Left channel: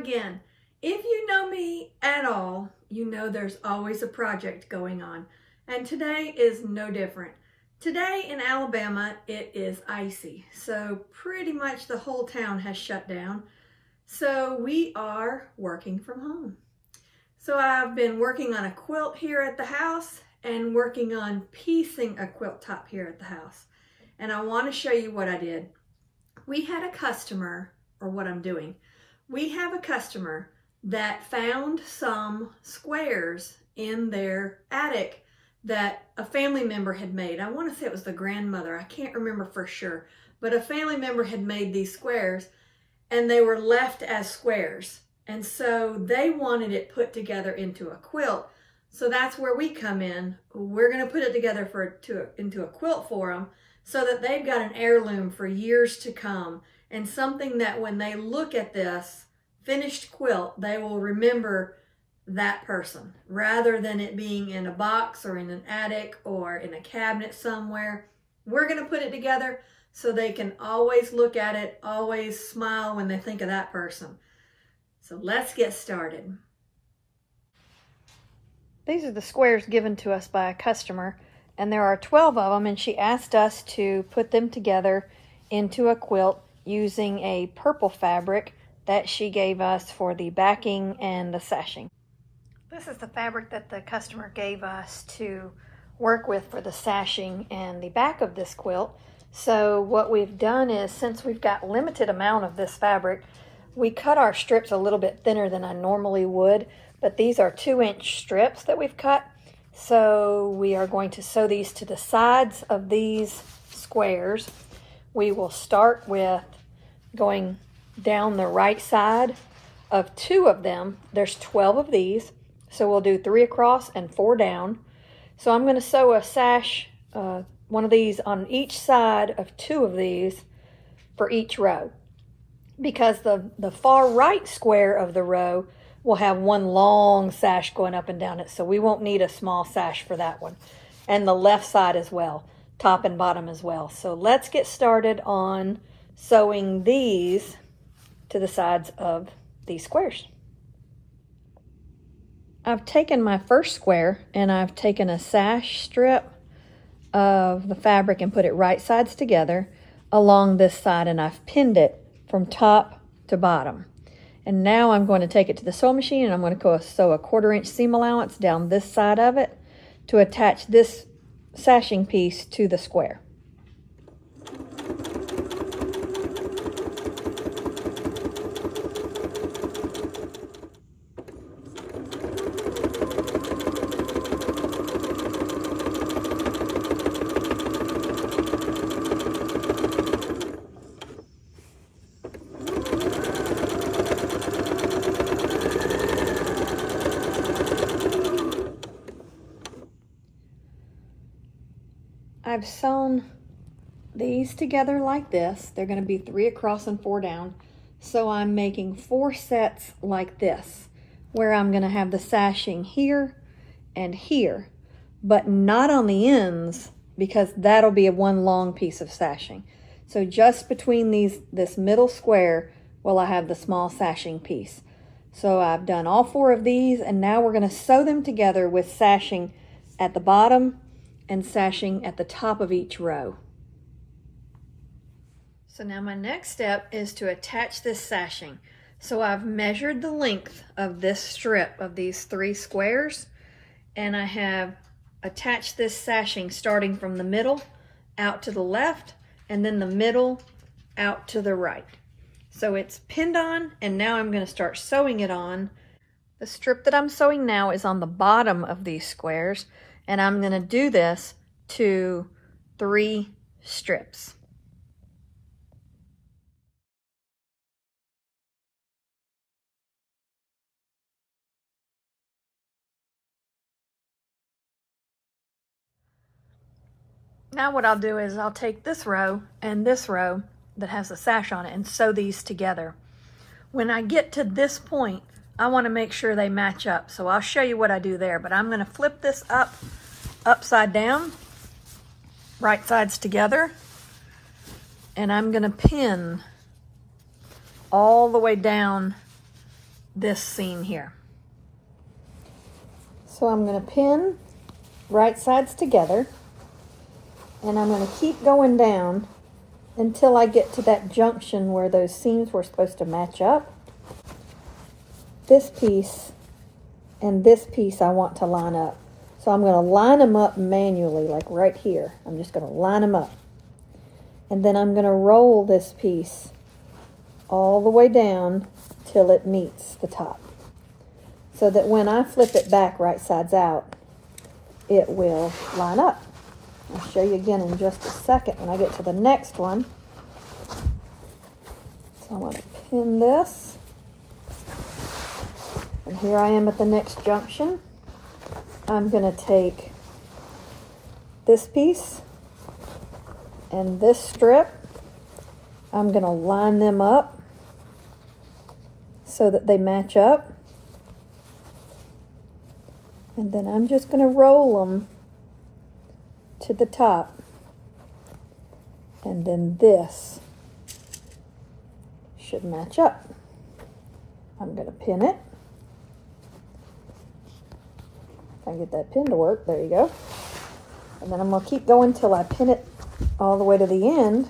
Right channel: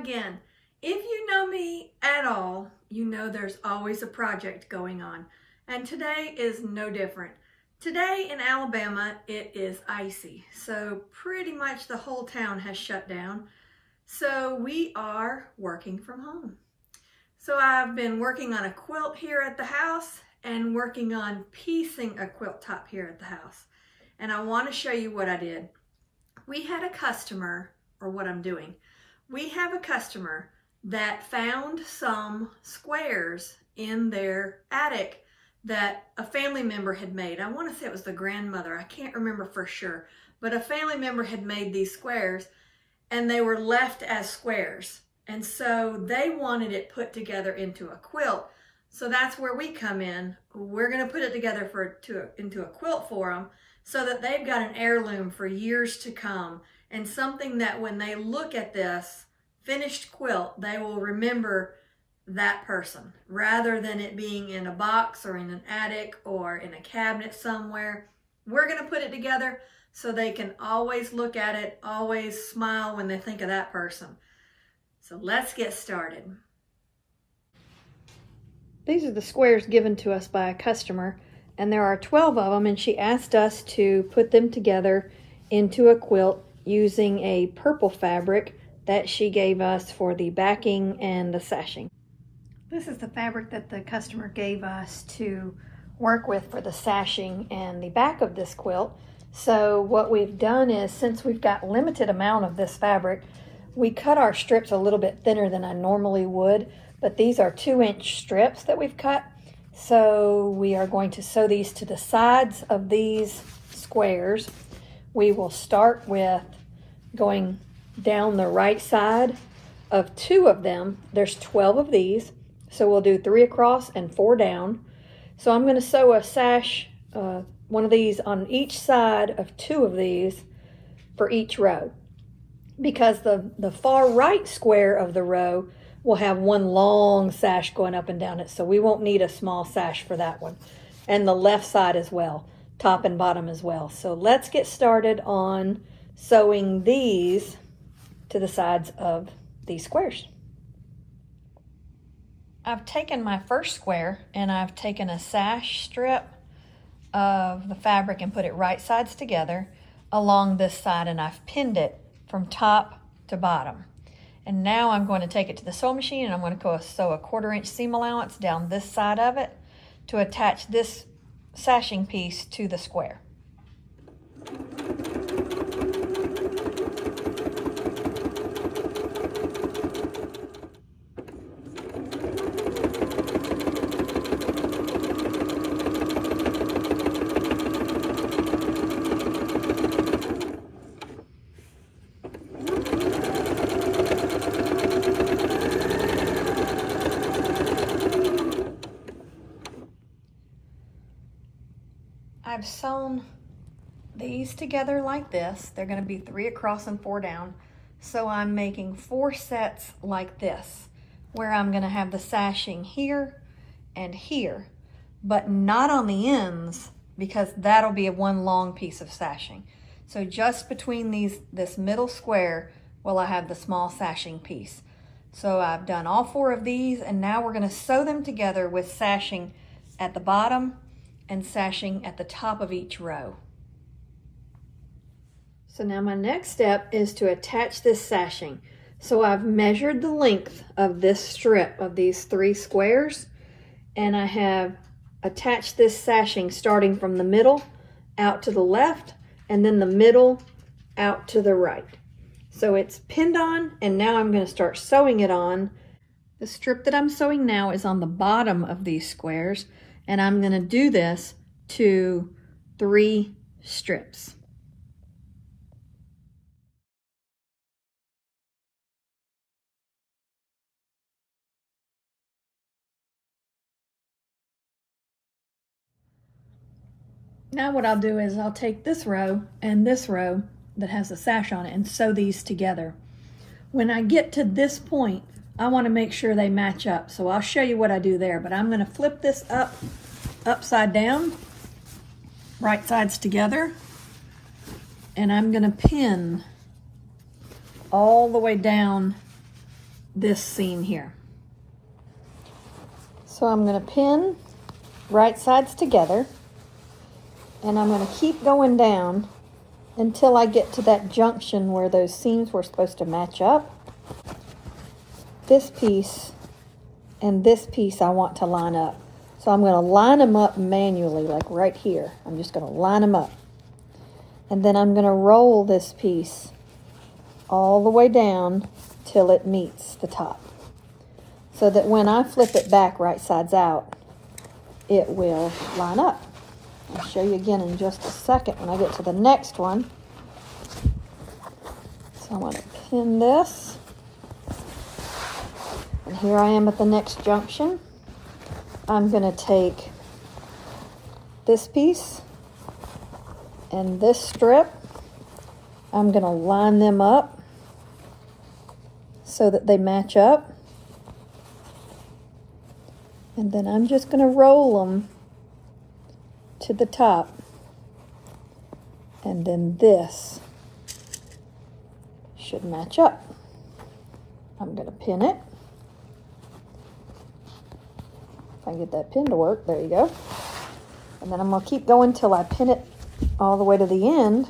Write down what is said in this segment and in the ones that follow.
again. If you know me at all, you know there's always a project going on, and today is no different. Today in Alabama, it is icy, so pretty much the whole town has shut down. So we are working from home. So I've been working on a quilt here at the house and working on piecing a quilt top here at the house. And I want to show you what I did. We had a customer, or what I'm doing. We have a customer that found some squares in their attic that a family member had made. I want to say it was the grandmother. I can't remember for sure. But a family member had made these squares and they were left as squares. And so they wanted it put together into a quilt. So that's where we come in. We're going to put it together into a quilt for them so that they've got an heirloom for years to come, and something that when they look at this finished quilt, they will remember that person rather than it being in a box or in an attic or in a cabinet somewhere. We're going to put it together so they can always look at it, always smile when they think of that person. So let's get started. These are the squares given to us by a customer, and there are 12 of them, and she asked us to put them together into a quilt using a purple fabric that she gave us for the backing and the sashing. This is the fabric that the customer gave us to work with for the sashing and the back of this quilt. So what we've done is, since we've got limited amount of this fabric, we cut our strips a little bit thinner than I normally would, but these are 2-inch strips that we've cut. So we are going to sew these to the sides of these squares. We will start with going down the right side of 2 of them. There's 12 of these, so we'll do 3 across and 4 down. So I'm going to sew a sash, one of these on each side of 2 of these for each row, because the far right square of the row will have one long sash going up and down it, so we won't need a small sash for that one. And the left side as well, top and bottom as well. So let's get started on sewing these to the sides of these squares. I've taken my first square and I've taken a sash strip of the fabric and put it right sides together along this side, and I've pinned it from top to bottom. And now I'm going to take it to the sewing machine and I'm going to sew a 1/4-inch seam allowance down this side of it to attach this sashing piece to the square. I've sewn these together like this. They're going to be 3 across and 4 down. So I'm making 4 sets like this, where I'm going to have the sashing here and here, but not on the ends, because that'll be one long piece of sashing. So just between this middle square will I have the small sashing piece. So I've done all 4 of these, and now we're going to sew them together with sashing at the bottom and sashing at the top of each row. So now my next step is to attach this sashing. So I've measured the length of this strip of these 3 squares, and I have attached this sashing starting from the middle out to the left, and then the middle out to the right. So it's pinned on, and now I'm going to start sewing it on. The strip that I'm sewing now is on the bottom of these squares, and I'm going to do this to 3 strips. Now what I'll do is I'll take this row and this row that has a sash on it and sew these together. When I get to this point, I want to make sure they match up. So I'll show you what I do there, but I'm going to flip this upside down, right sides together, and I'm going to pin all the way down this seam here. So I'm going to pin right sides together, and I'm going to keep going down until I get to that junction where those seams were supposed to match up. This piece and this piece I want to line up. So I'm going to line them up manually, like right here. I'm just going to line them up. And then I'm going to roll this piece all the way down till it meets the top, so that when I flip it back right sides out, it will line up. I'll show you again in just a second when I get to the next one. So I'm going to pin this. And here I am at the next junction. I'm going to take this piece and this strip. I'm going to line them up so that they match up. And then I'm just going to roll them to the top. And then this should match up. I'm going to pin it. If I can get that pin to work, there you go. And then I'm going to keep going till I pin it all the way to the end.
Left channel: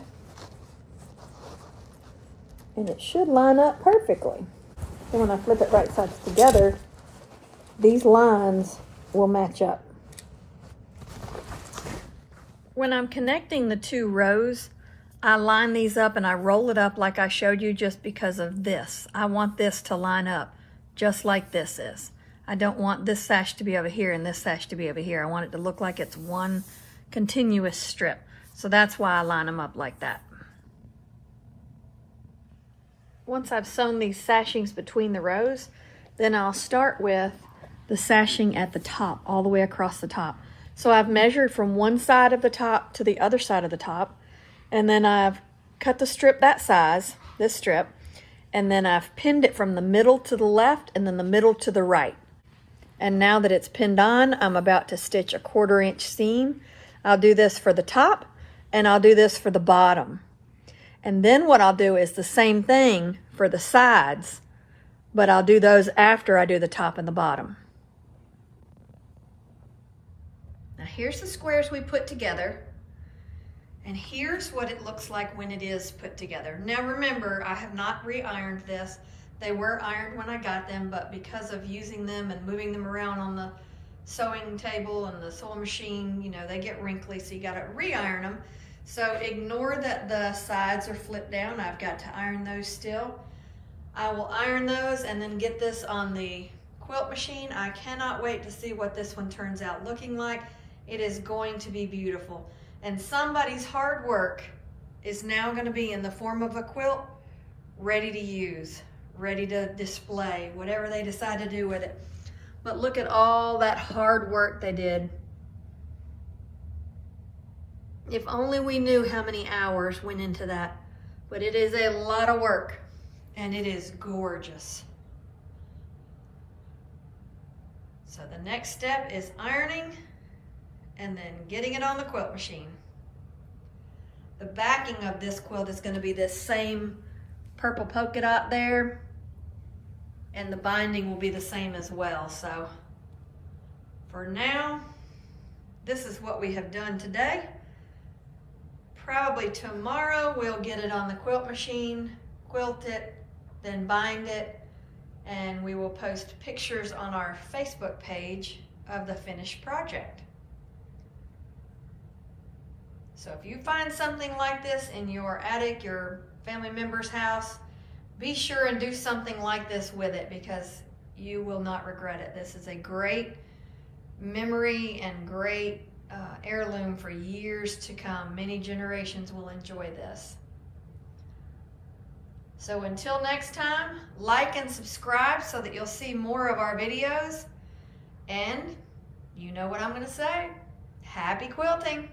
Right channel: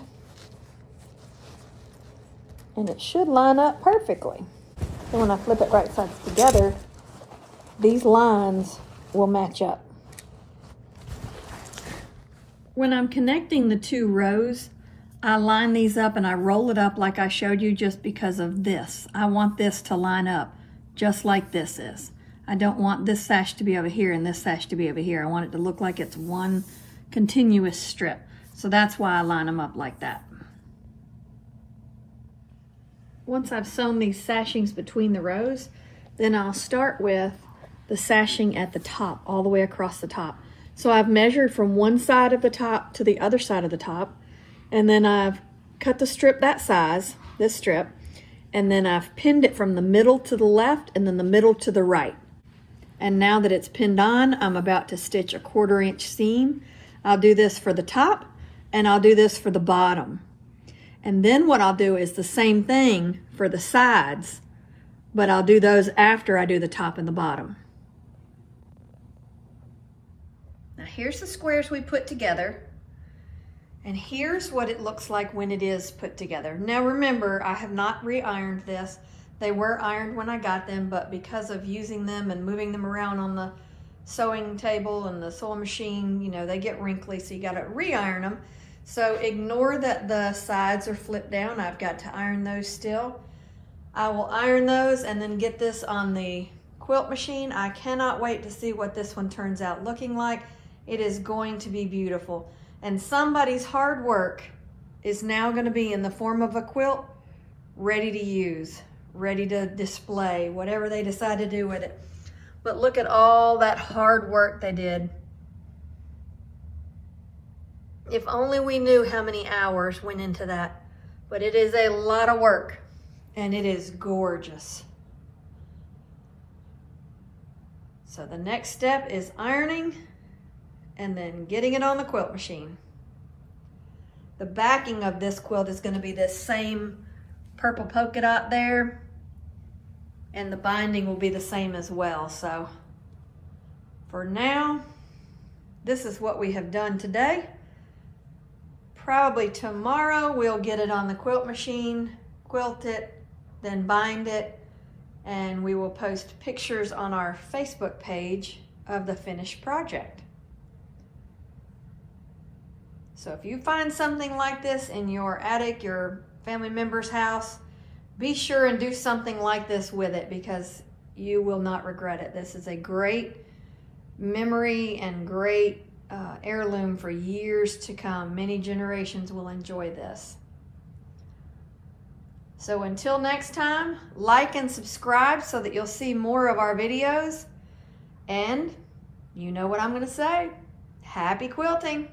And it should line up perfectly. Then when I flip it right sides together, these lines will match up. When I'm connecting the two rows, I line these up and I roll it up like I showed you just because of this. I want this to line up just like this is. I don't want this sash to be over here and this sash to be over here. I want it to look like it's one continuous strip. So that's why I line them up like that. Once I've sewn these sashings between the rows, then I'll start with the sashing at the top, all the way across the top. So I've measured from one side of the top to the other side of the top, and then I've cut the strip that size, this strip, and then I've pinned it from the middle to the left and then the middle to the right. And now that it's pinned on, I'm about to stitch a 1/4 inch seam. I'll do this for the top and I'll do this for the bottom. And then what I'll do is the same thing for the sides, but I'll do those after I do the top and the bottom. Now here's the squares we put together, and here's what it looks like when it is put together. Now remember, I have not re-ironed this. They were ironed when I got them, but because of using them and moving them around on the sewing table and the sewing machine, you know, they get wrinkly, so you gotta re-iron them. So ignore that the sides are flipped down. I've got to iron those still. I will iron those and then get this on the quilt machine. I cannot wait to see what this one turns out looking like. It is going to be beautiful. And somebody's hard work is now going to be in the form of a quilt, ready to use, ready to display, whatever they decide to do with it. But look at all that hard work they did. If only we knew how many hours went into that. But it is a lot of work, and it is gorgeous. So the next step is ironing and then getting it on the quilt machine. The backing of this quilt is going to be this same purple polka dot there, and the binding will be the same as well. So for now, this is what we have done today. Probably tomorrow we'll get it on the quilt machine, quilt it, then bind it, and we will post pictures on our Facebook page of the finished project. So if you find something like this in your attic, your family member's house, be sure and do something like this with it, because you will not regret it. This is a great memory and great heirloom for years to come. Many generations will enjoy this. So until next time, like and subscribe so that you'll see more of our videos. And you know what I'm going to say. Happy quilting!